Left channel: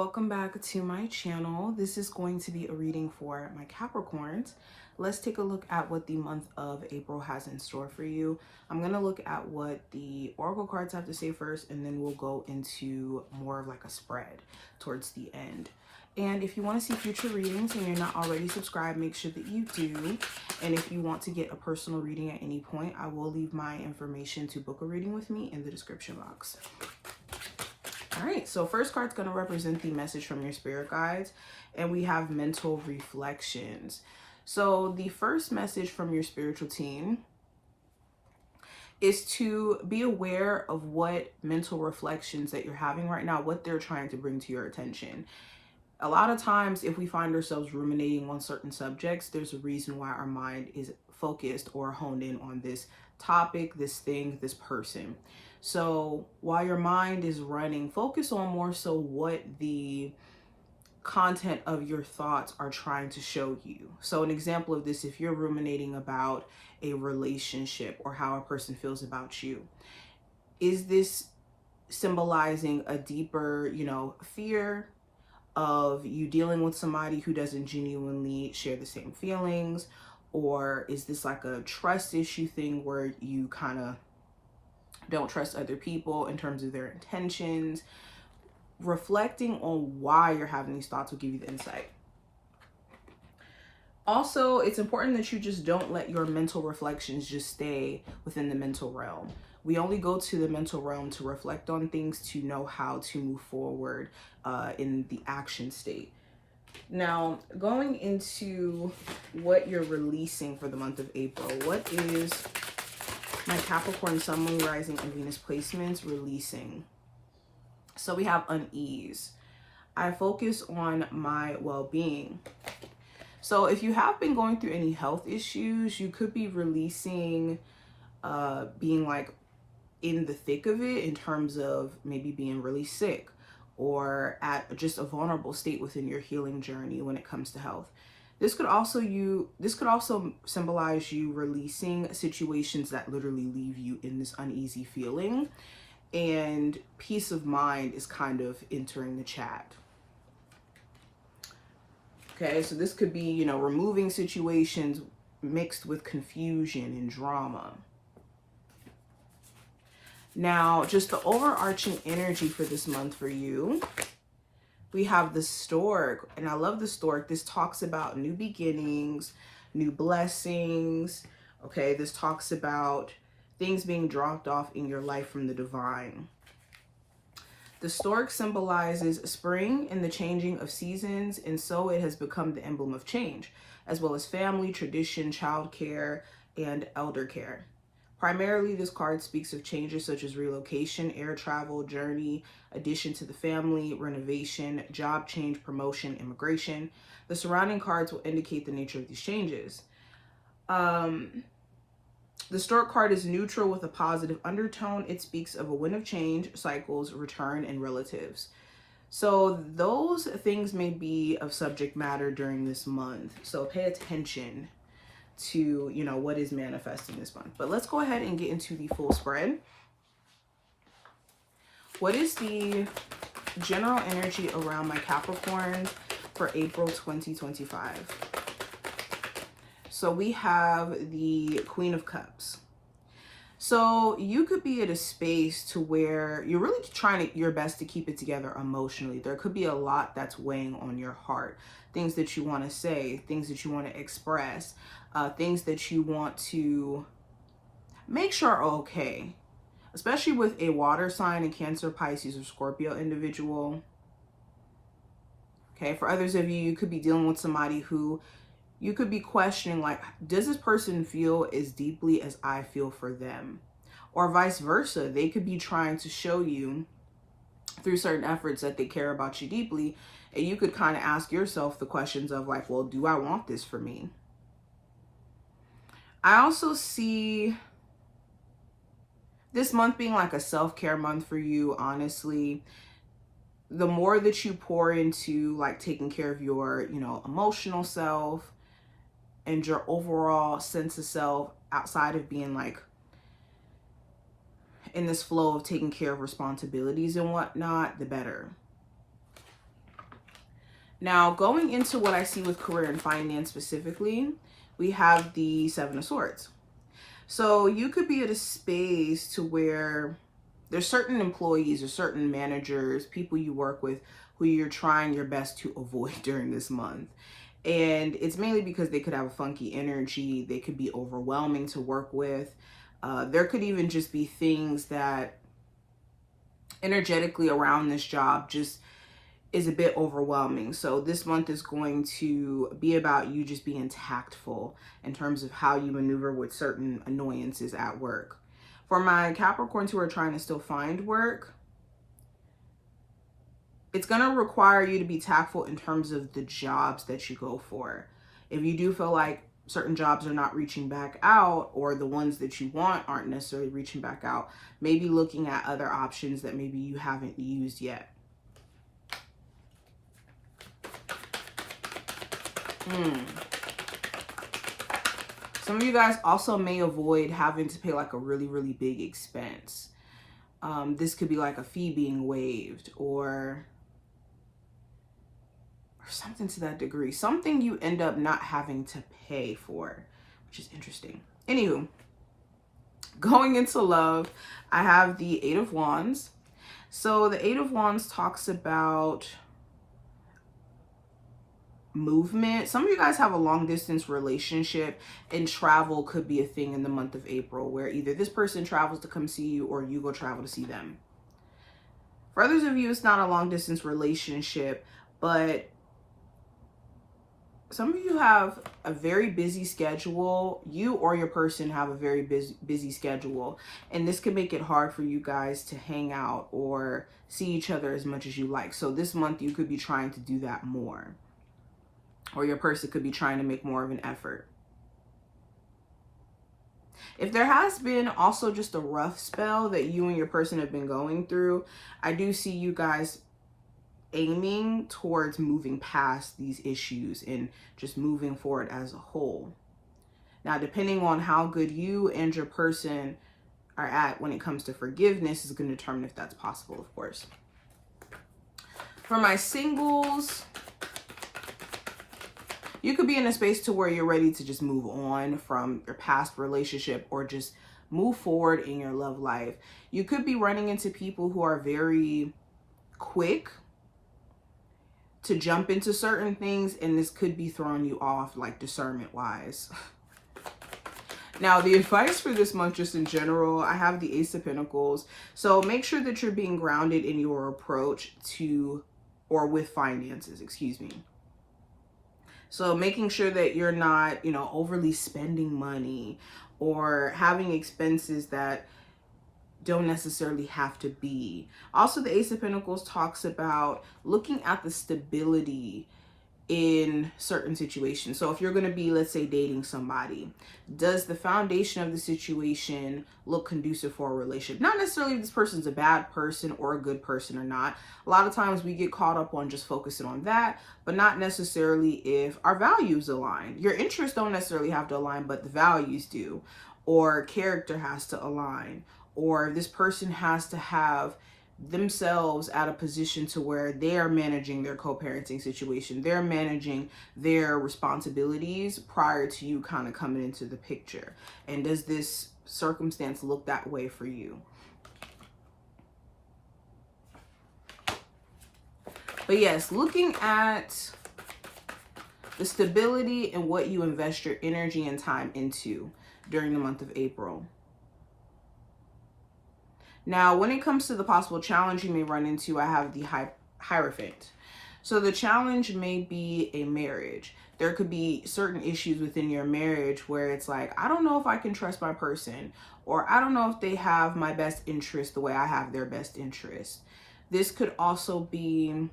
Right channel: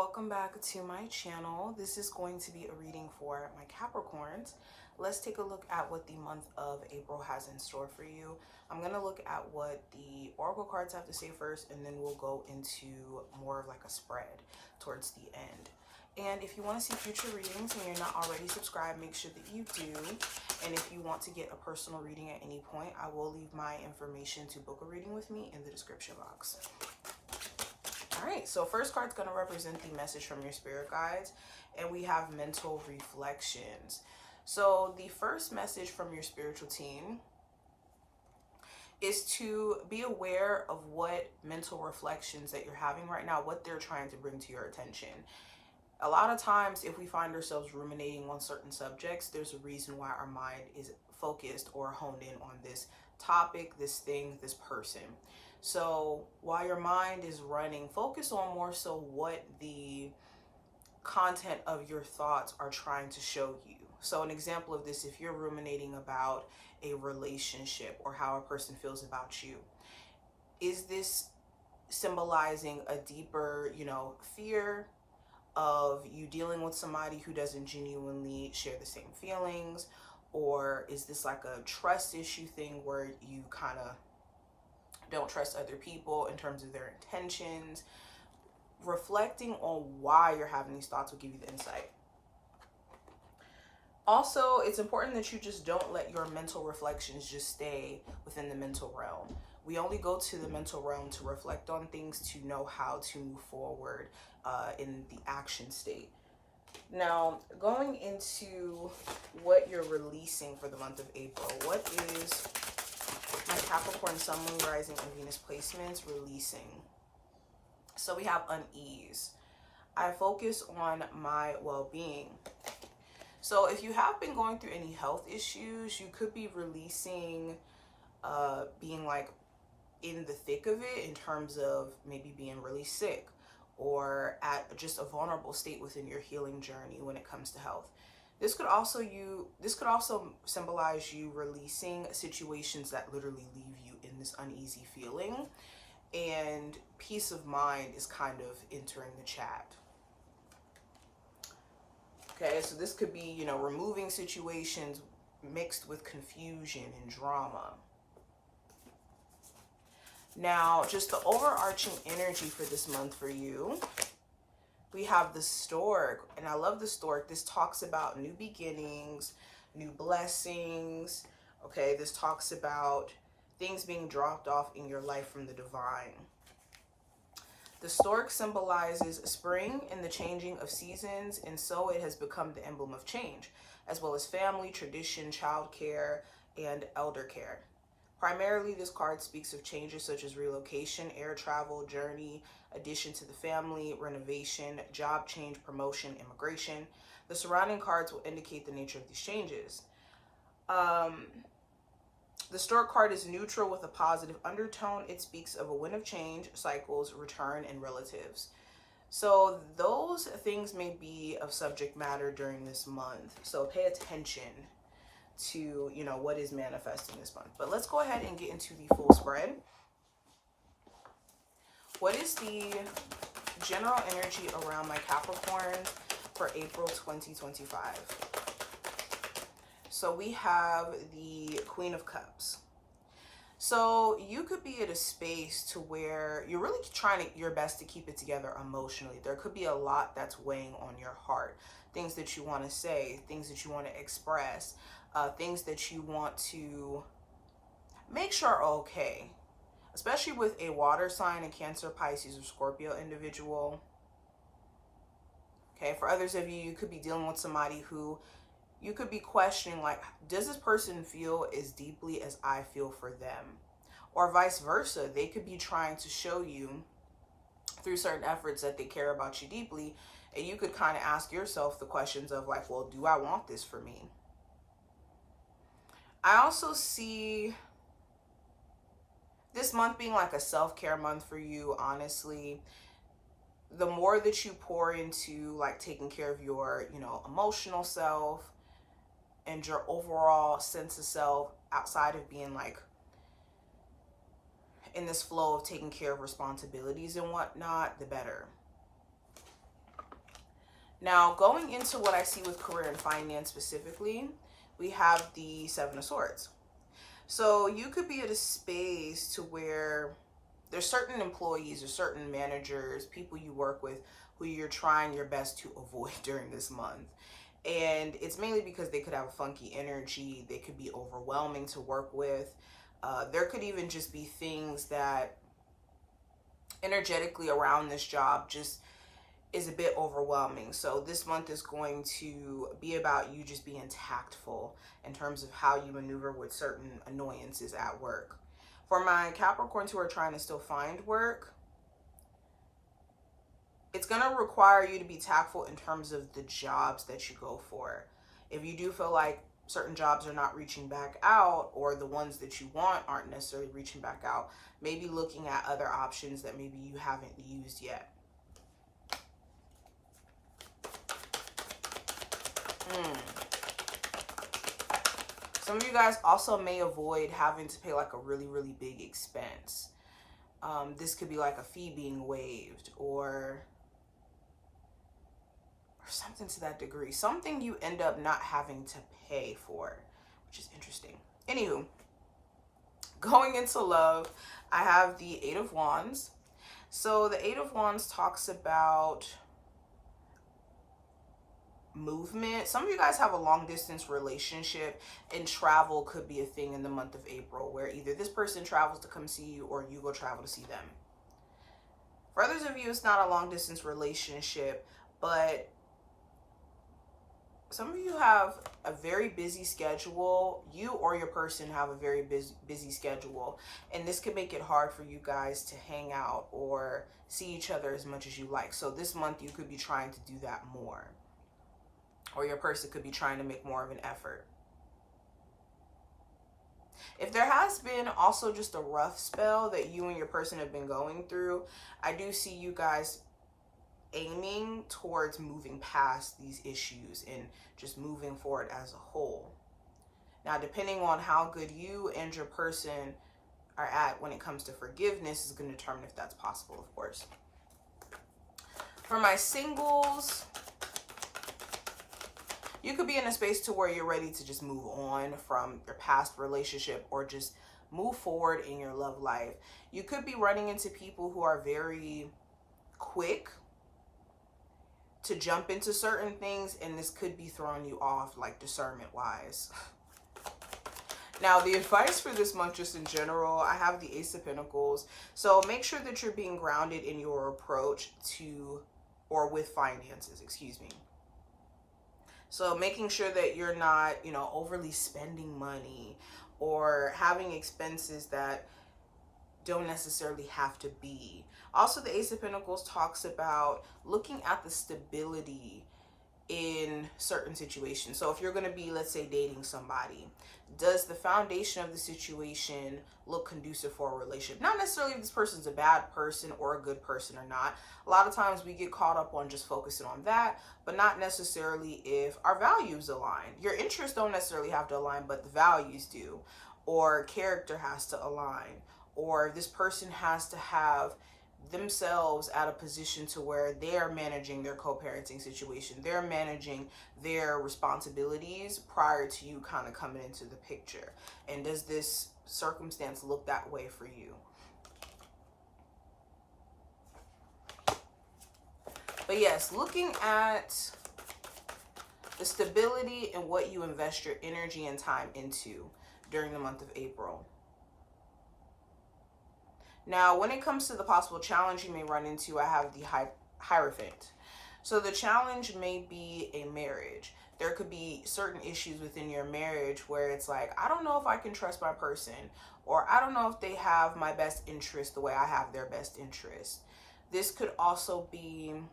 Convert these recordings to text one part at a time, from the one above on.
Welcome back to my channel. This is going to be a reading for my Capricorns. Let's take a look at what the month of April has in store for you. I'm going to look at what the oracle cards have to say first, and then we'll go into more of like a spread towards the end. And if you want to see future readings and you're not already subscribed, make sure that you do. And if you want to get a personal reading at any point, I will leave my information to book a reading with me in the description box. All right, so first card's going to represent the message from your spirit guides, and we have mental reflections. So the first message from your spiritual team is to be aware of what mental reflections that you're having right now, what they're trying to bring to your attention. A lot of times, if we find ourselves ruminating on certain subjects, there's a reason why our mind is focused or honed in on this topic, this thing, this person. So while your mind is running, focus on more so what the content of your thoughts are trying to show you. So an example of this, if you're ruminating about a relationship or how a person feels about you, is this symbolizing a deeper, fear of you dealing with somebody who doesn't genuinely share the same feelings? Or is this like a trust issue thing where you kind of don't trust other people in terms of their intentions? Reflecting on why you're having these thoughts will give you the insight. Also, it's important that you just don't let your mental reflections just stay within the mental realm. We only go to the mental realm to reflect on things, to know how to move forward in the action state. Now, going into what you're releasing for the month of April, what is my Capricorn, Sun, Moon, Rising, and Venus placements releasing? So we have unease. I focus on my well-being. So if you have been going through any health issues, you could be releasing being like in the thick of it in terms of maybe being really sick or at just a vulnerable state within your healing journey when it comes to health. This could also symbolize you releasing situations that literally leave you in this uneasy feeling, and peace of mind is kind of entering the chat. Okay, so this could be, removing situations mixed with confusion and drama. Now, just the overarching energy for this month for you, we have the stork, and I love the stork. This talks about new beginnings, new blessings. Okay, this talks about things being dropped off in your life from the divine. The stork symbolizes spring and the changing of seasons, and so it has become the emblem of change, as well as family, tradition, childcare, and elder care. Primarily, this card speaks of changes such as relocation, air travel, journey, addition to the family, renovation, job change, promotion, immigration. The surrounding cards will indicate the nature of these changes. The stork card is neutral with a positive undertone. It speaks of a wind of change, cycles, return, and relatives. So those things may be of subject matter during this month. So pay attention to, what is manifesting this month. But let's go ahead and get into the full spread. What is the general energy around my Capricorns for April 2025? So we have the Queen of Cups. So you could be at a space to where you're really trying your best to keep it together emotionally. There could be a lot that's weighing on your heart. Things that you want to say, things that you want to express, things that you want to make sure are okay. Especially with a water sign, a Cancer, Pisces, or Scorpio individual. Okay, for others of you, you could be dealing with somebody who you could be questioning, like, does this person feel as deeply as I feel for them? Or vice versa. They could be trying to show you through certain efforts that they care about you deeply. And you could kind of ask yourself the questions of like, well, do I want this for me? I also see this month being like a self-care month for you, honestly. The more that you pour into like taking care of your, emotional self and your overall sense of self outside of being like in this flow of taking care of responsibilities and whatnot, the better. Now, going into what I see with career and finance specifically, we have the Seven of Swords. So you could be at a space to where there's certain employees or certain managers, people you work with, who you're trying your best to avoid during this month. And it's mainly because they could have a funky energy. They could be overwhelming to work with. There could even just be things that energetically around this job just is a bit overwhelming. So this month is going to be about you just being tactful in terms of how you maneuver with certain annoyances at work. For my Capricorns who are trying to still find work, it's going to require you to be tactful in terms of the jobs that you go for. If you do feel like certain jobs are not reaching back out, or the ones that you want aren't necessarily reaching back out, maybe looking at other options that maybe you haven't used yet. Some of you guys also may avoid having to pay like a really, really big expense. This could be like a fee being waived or something to that degree. Something you end up not having to pay for, which is interesting. Anywho, going into love, I have the Eight of Wands. So the Eight of Wands talks about movement. Some of you guys have a long distance relationship, and travel could be a thing in the month of April, where either this person travels to come see you or you go travel to see them. For others of you, it's not a long distance relationship, but some of you have a very busy schedule. You or your person have a very busy schedule, and this could make it hard for you guys to hang out or see each other as much as you like. So this month you could be trying to do that more, or your person could be trying to make more of an effort. If there has been also just a rough spell that you and your person have been going through, I do see you guys aiming towards moving past these issues and just moving forward as a whole. Now, depending on how good you and your person are at when it comes to forgiveness is going to determine if that's possible, of course. For my singles, you could be in a space to where you're ready to just move on from your past relationship or just move forward in your love life. You could be running into people who are very quick to jump into certain things, and this could be throwing you off, like discernment wise. Now, the advice for this month, just in general, I have the Ace of Pentacles. So make sure that you're being grounded in your approach to, or with finances, excuse me. So making sure that you're not, overly spending money or having expenses that don't necessarily have to be. Also, the Ace of Pentacles talks about looking at the stability in certain situations. So if you're going to be, let's say, dating somebody, does the foundation of the situation look conducive for a relationship? Not necessarily if this person's a bad person or a good person or not. A lot of times we get caught up on just focusing on that, but not necessarily if our values align. Your interests don't necessarily have to align, but the values do, or character has to align, or this person has to have themselves at a position to where they are managing their co-parenting situation. They're managing their responsibilities prior to you kind of coming into the picture. And does this circumstance look that way for you? But yes, looking at the stability and what you invest your energy and time into during the month of April. Now, when it comes to the possible challenge you may run into, I have the Hierophant. So the challenge may be a marriage. There could be certain issues within your marriage where it's like, I don't know if I can trust my person, or I don't know if they have my best interest the way I have their best interest. This could also be,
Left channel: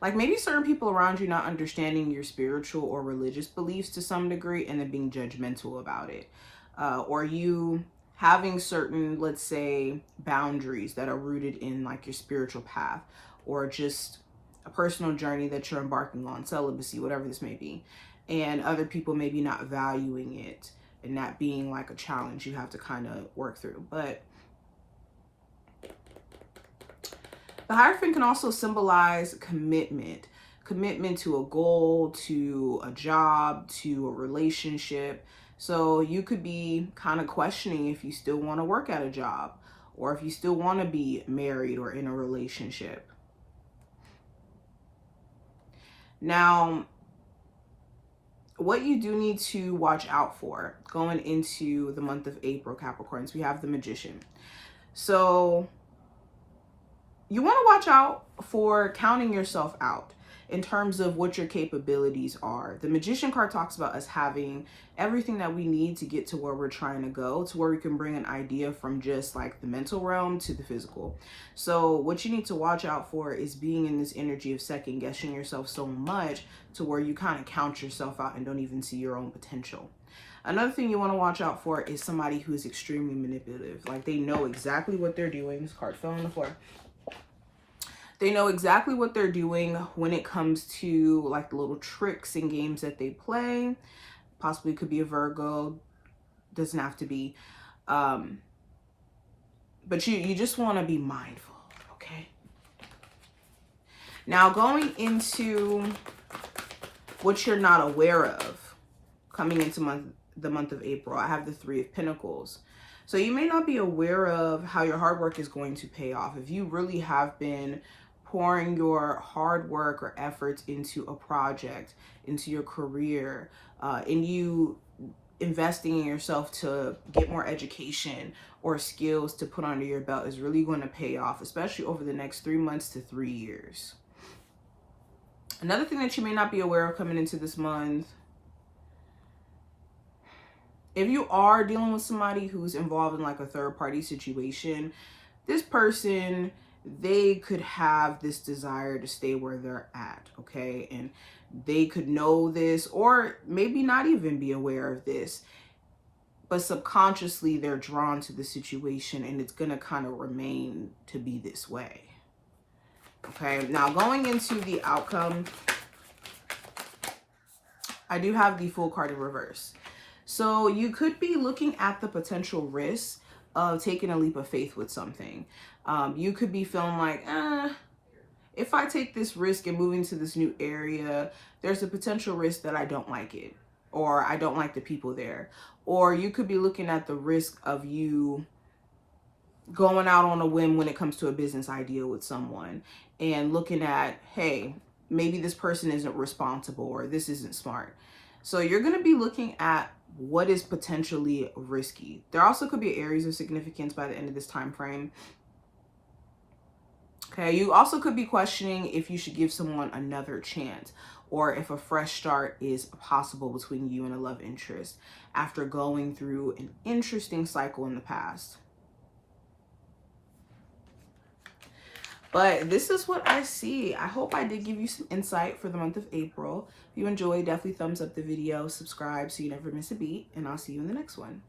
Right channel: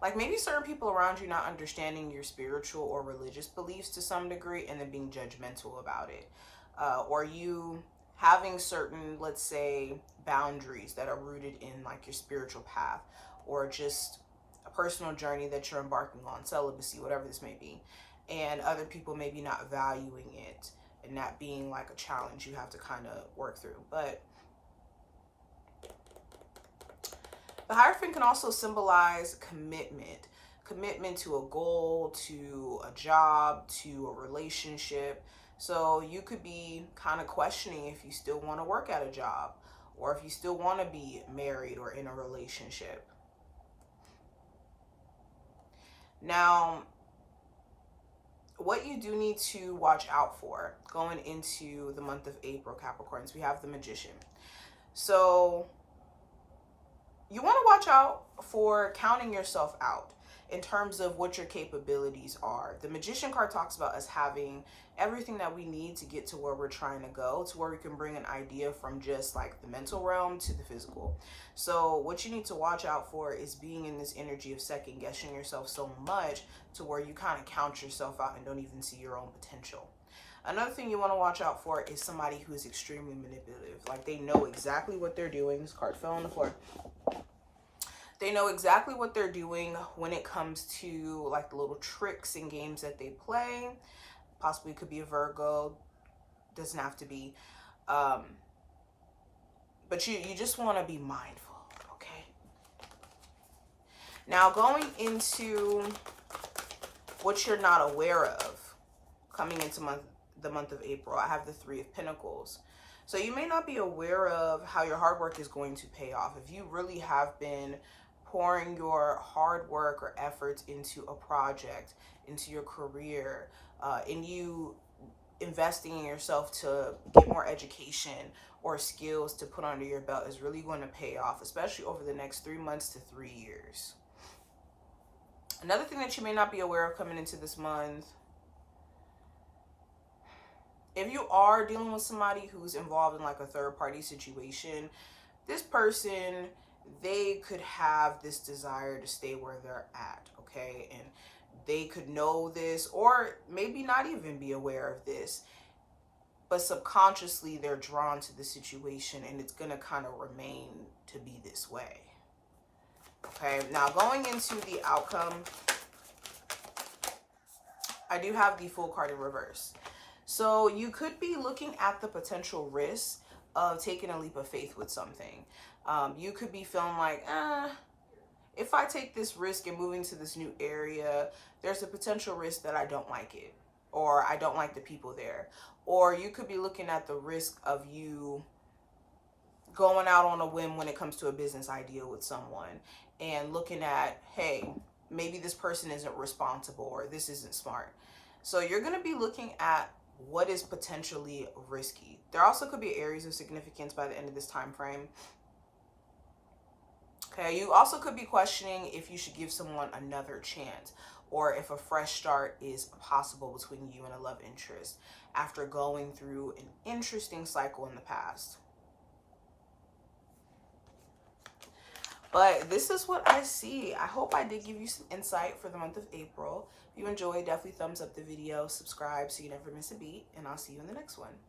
like maybe certain people around you not understanding your spiritual or religious beliefs to some degree and then being judgmental about it. Or you having certain, let's say, boundaries that are rooted in like your spiritual path, or just a personal journey that you're embarking on, celibacy, whatever this may be. And other people maybe not valuing it and that being like a challenge you have to kind of work through. But The Hierophant can also symbolize commitment. Commitment to a goal, to a job, to a relationship. So you could be kind of questioning if you still want to work at a job, or if you still want to be married or in a relationship. Now, what you do need to watch out for going into the month of April, Capricorns, we have the Magician. So you want to watch out for counting yourself out in terms of what your capabilities are. The Magician card talks about us having everything that we need to get to where we're trying to go, to where we can bring an idea from just like the mental realm to the physical. So what you need to watch out for is being in this energy of second guessing yourself so much to where you kind of count yourself out and don't even see your own potential. Another thing you want to watch out for is somebody who is extremely manipulative. Like they know exactly what they're doing. This card fell on the floor. They know exactly what they're doing when it comes to like the little tricks and games that they play. Possibly could be a Virgo. Doesn't have to be. But you just want to be mindful, okay? Now going into what you're not aware of coming into the month of April, I have the Three of Pentacles. So you may not be aware of how your hard work is going to pay off. If you really have been pouring your hard work or efforts into a project, into your career, and you investing in yourself to get more education or skills to put under your belt is really going to pay off, especially over the next 3 months to 3 years. Another thing that you may not be aware of coming into this month, if you are dealing with somebody who's involved in like a third party situation, this person, they could have this desire to stay where they're at, okay? And they could know this or maybe not even be aware of this, but subconsciously they're drawn to the situation and it's going to kind of remain to be this way. Okay, now going into the outcome, I do have the Fool card in reverse. So you could be looking at the potential risk of taking a leap of faith with something. You could be feeling like, if I take this risk and moving to this new area, there's a potential risk that I don't like it, or I don't like the people there. Or you could be looking at the risk of you going out on a whim when it comes to a business idea with someone and looking at, hey, maybe this person isn't responsible or this isn't smart. So you're going to be looking at what is potentially risky. There also could be areas of significance by the end of this time frame. Okay, you also could be questioning if you should give someone another chance or if a fresh start is possible between you and a love interest after going through an interesting cycle in the past. But this is what I see. I hope I did give you some insight for the month of April. If you enjoyed, definitely thumbs up the video, subscribe so you never miss a beat, and I'll see you in the next one.